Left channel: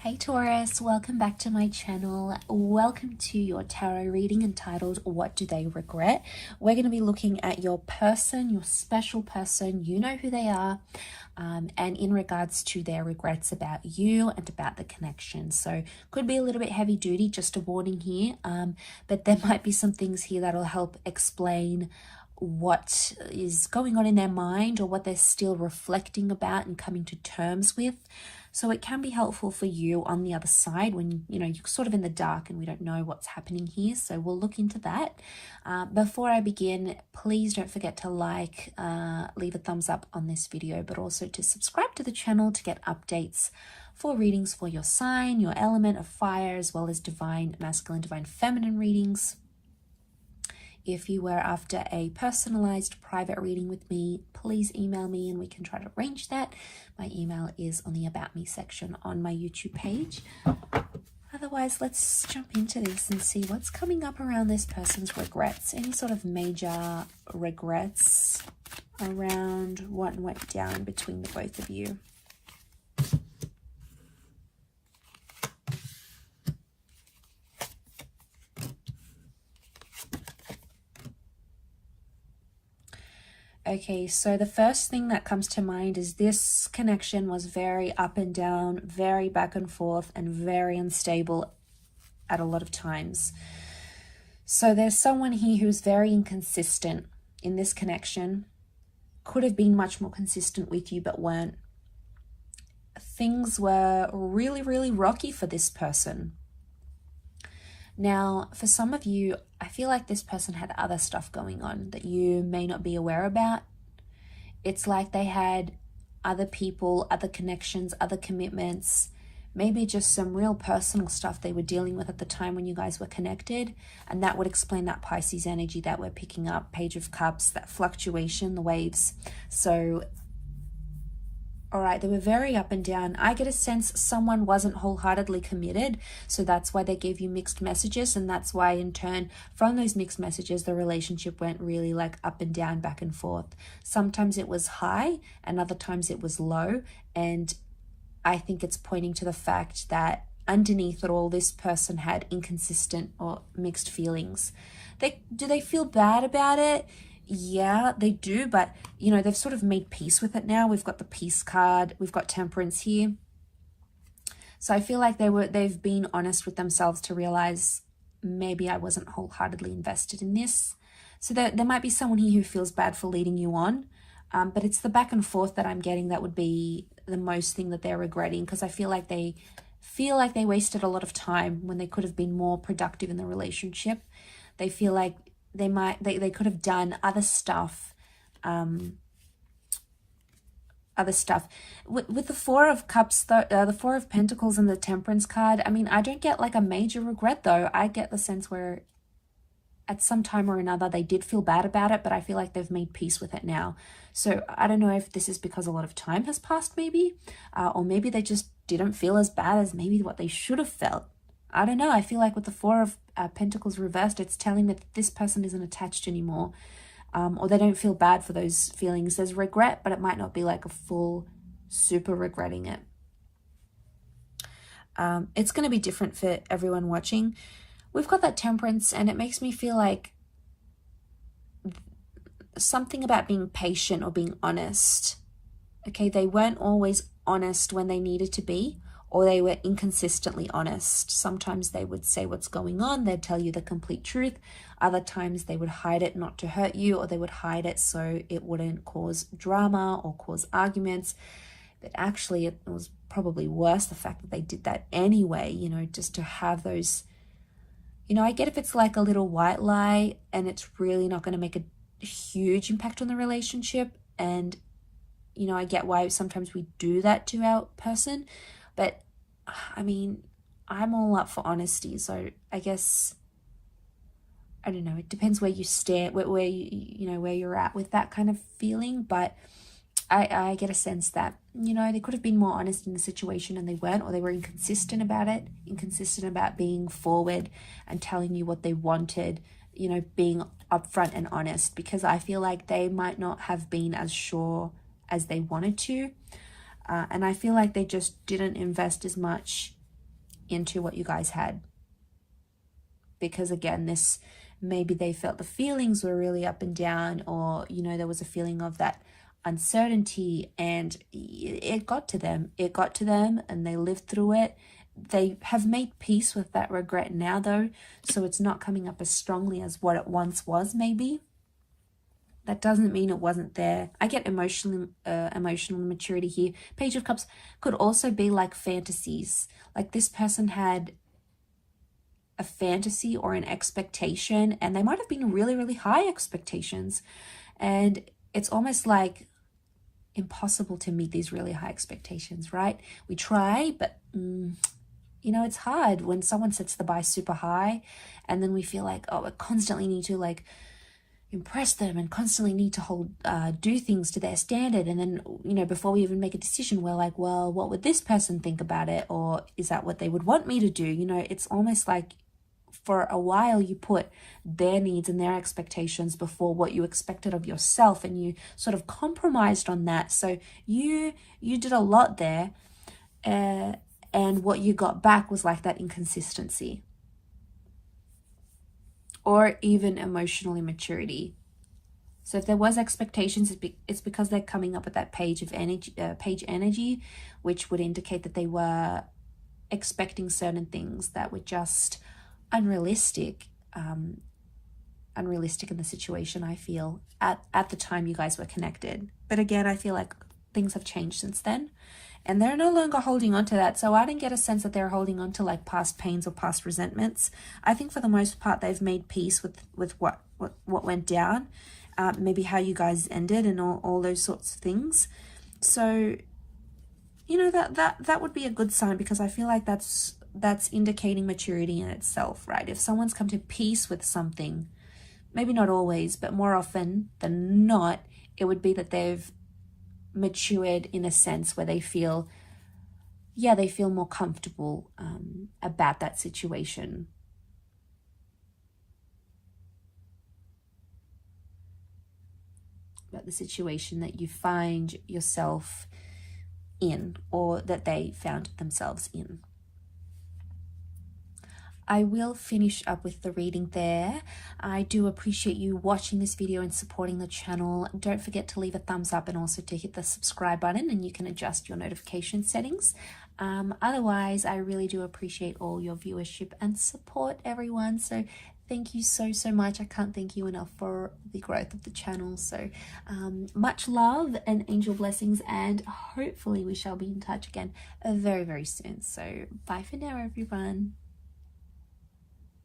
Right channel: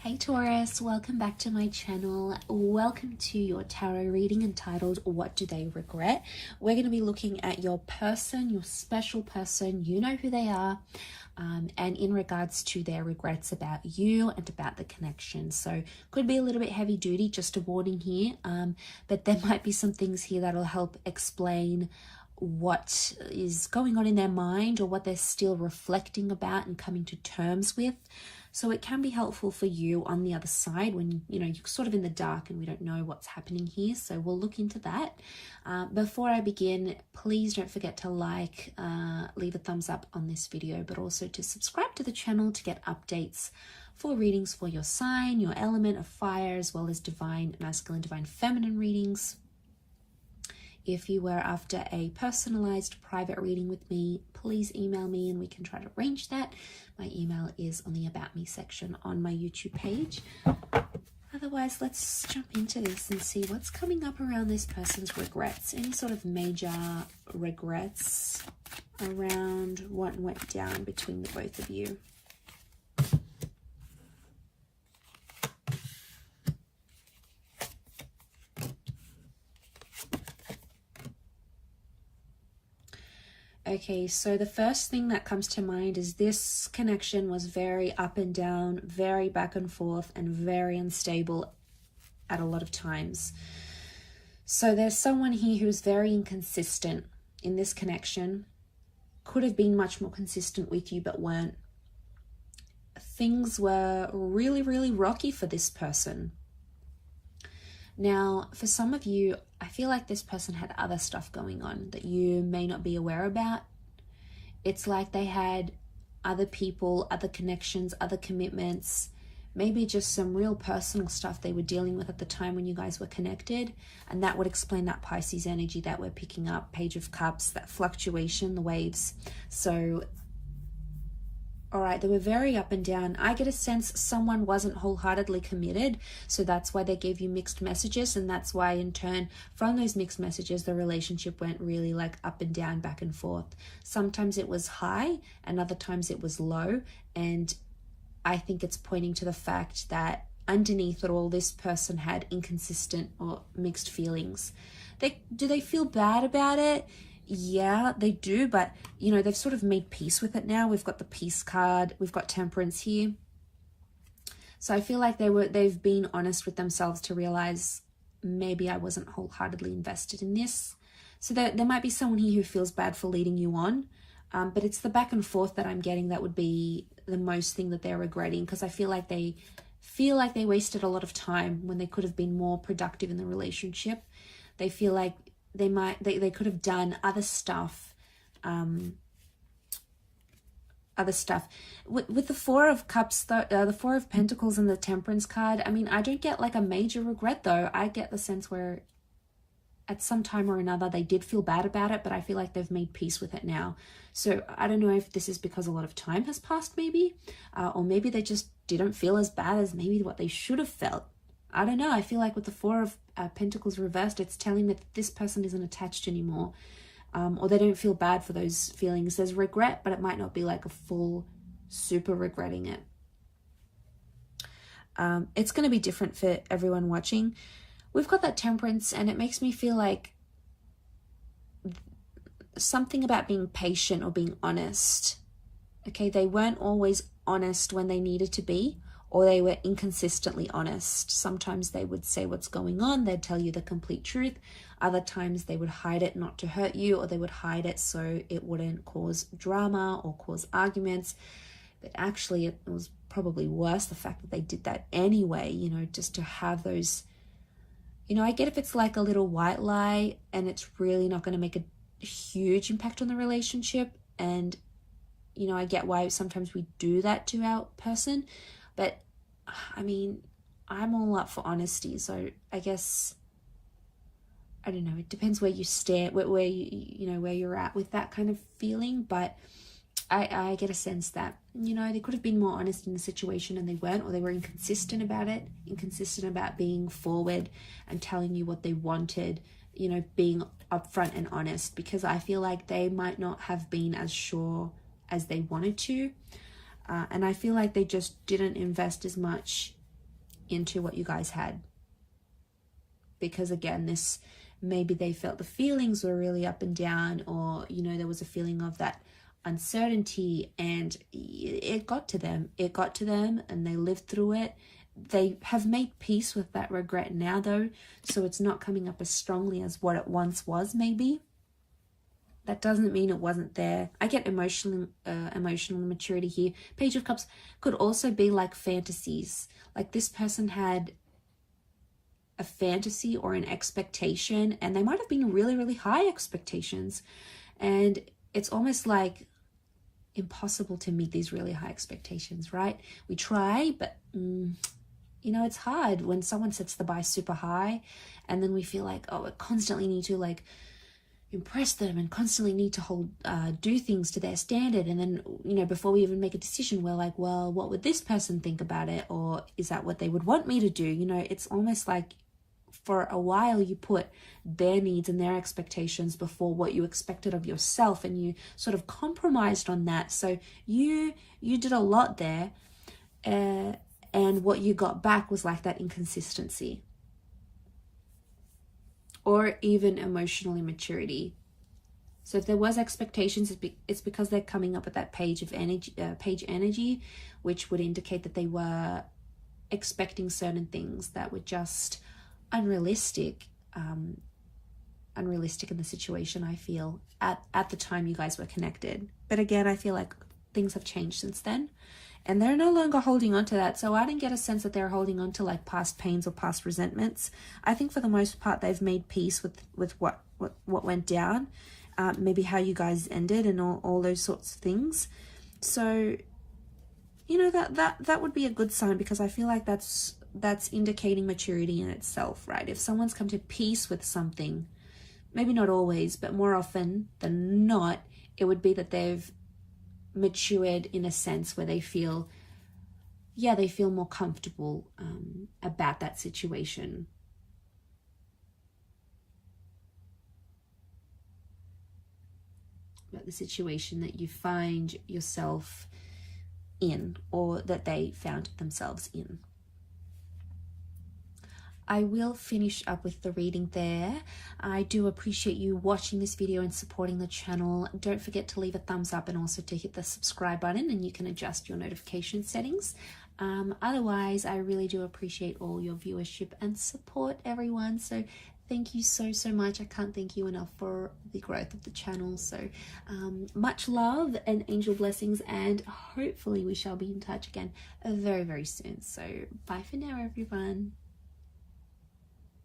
Hey Taurus, welcome back to my channel. Welcome to your tarot reading entitled What Do They Regret? We're going to be looking at your person, your special person. You know who they are, and in regards to their regrets about you and about the connection. So could be a little bit heavy duty, just a warning here, but there might be some things here that'll help explain what is going on in their mind or what they're still reflecting about and coming to terms with. So it can be helpful for you on the other side when you're sort of in the dark and we don't know what's happening here. So we'll look into that. Before I begin, please don't forget to like, leave a thumbs up on this video, but also to subscribe to the channel to get updates for readings for your sign, your element of fire, as well as divine masculine, divine feminine readings. If you were after a personalized private reading with me, please email me and we can try to arrange that. My email is on the About Me section on my YouTube page. Otherwise, let's jump into this and see what's coming up around this person's regrets. Any sort of major regrets around what went down between the both of you. Okay, so the first thing that comes to mind is this connection was very up and down, very back and forth, and very unstable at a lot of times. So there's someone here who's very inconsistent in this connection. Could have been much more consistent with you, but weren't. Things were really, really rocky for this person. Now, for some of you, I feel like this person had other stuff going on that you may not be aware about. It's like they had other people, other connections, other commitments, maybe just some real personal stuff they were dealing with at the time when you guys were connected. And that would explain that Pisces energy that we're picking up, Page of Cups, that fluctuation, the waves. So, all right, they were very up and down. I get a sense someone wasn't wholeheartedly committed, so that's why they gave you mixed messages, and that's why in turn from those mixed messages the relationship went really like up and down, back and forth. Sometimes it was high and other times it was low, and I think it's pointing to the fact that underneath it all, this person had inconsistent or mixed feelings. Do they feel bad about it? Yeah, they do, but they've sort of made peace with it now. We've got the peace card, we've got temperance here. So I feel like they've been honest with themselves to realize maybe I wasn't wholeheartedly invested in this. So there might be someone here who feels bad for leading you on, but it's the back and forth that I'm getting that would be the most thing that they're regretting, because I feel like they wasted a lot of time when they could have been more productive in the relationship. They feel like they could have done other stuff, with the Four of Cups, the Four of Pentacles and the Temperance card. I mean, I don't get like a major regret though. I get the sense where at some time or another they did feel bad about it, but I feel like they've made peace with it now. So I don't know if this is because a lot of time has passed maybe, or maybe they just didn't feel as bad as maybe what they should have felt. I don't know. I feel like with the Four of Pentacles reversed, it's telling that this person isn't attached anymore, or they don't feel bad for those feelings. There's regret, but it might not be like a full super regretting it. It's going to be different for everyone watching. We've got that Temperance, and it makes me feel like something about being patient or being honest. Okay, they weren't always honest when they needed to be, or they were inconsistently honest. Sometimes they would say what's going on, they'd tell you the complete truth. Other times they would hide it not to hurt you, or they would hide it so it wouldn't cause drama or cause arguments. But actually it was probably worse, the fact that they did that anyway, just to have those, I get if it's like a little white lie and it's really not going to make a huge impact on the relationship. And, I get why sometimes we do that to our person. But I mean, I'm all up for honesty. So I guess, I don't know, it depends where you stand, where you're at with that kind of feeling. But I get a sense that, they could have been more honest in the situation and they weren't, or they were inconsistent about it, inconsistent about being forward and telling you what they wanted, being upfront and honest, because I feel like they might not have been as sure as they wanted to. And I feel like they just didn't invest as much into what you guys had. Because again, this, maybe they felt the feelings were really up and down, or, you know, there was a feeling of that uncertainty, and it got to them. It got to them and they lived through it. They have made peace with that regret now, though, so it's not coming up as strongly as what it once was, maybe. That doesn't mean it wasn't there. I get emotional maturity here. Page of Cups could also be like fantasies. Like this person had a fantasy or an expectation, and they might have been really, really high expectations. And it's almost like impossible to meet these really high expectations, right? We try, but you know, it's hard when someone sets the bar super high, and then we feel like, oh, I constantly need to like impress them and constantly need to do things to their standard. And then, you know, before we even make a decision, we're like, well, what would this person think about it? Or is that what they would want me to do? You know, it's almost like for a while you put their needs and their expectations before what you expected of yourself, and you sort of compromised on that. So you did a lot there, and what you got back was like that inconsistency, or even emotional immaturity. So if there was expectations, it's because they're coming up at that page energy, which would indicate that they were expecting certain things that were just unrealistic in the situation, I feel, at the time you guys were connected. But again, I feel like things have changed since then, and they're no longer holding on to that. So I didn't get a sense that they're holding on to like past pains or past resentments. I think for the most part they've made peace with what went down, maybe how you guys ended, and all those sorts of things. So, you know, that would be a good sign, because I feel like that's indicating maturity in itself, right? If someone's come to peace with something, maybe not always, but more often than not, it would be that they've matured in a sense where they feel, yeah, they feel more comfortable about that situation. About the situation that you find yourself in, or that they found themselves in. I will finish up with the reading there. I do appreciate you watching this video and supporting the channel. Don't forget to leave a thumbs up, and also to hit the subscribe button, and you can adjust your notification settings. Otherwise, I really do appreciate all your viewership and support, everyone. So thank you so much. I can't thank you enough for the growth of the channel. So much love and angel blessings, and hopefully we shall be in touch again very, very soon. So bye for now, everyone.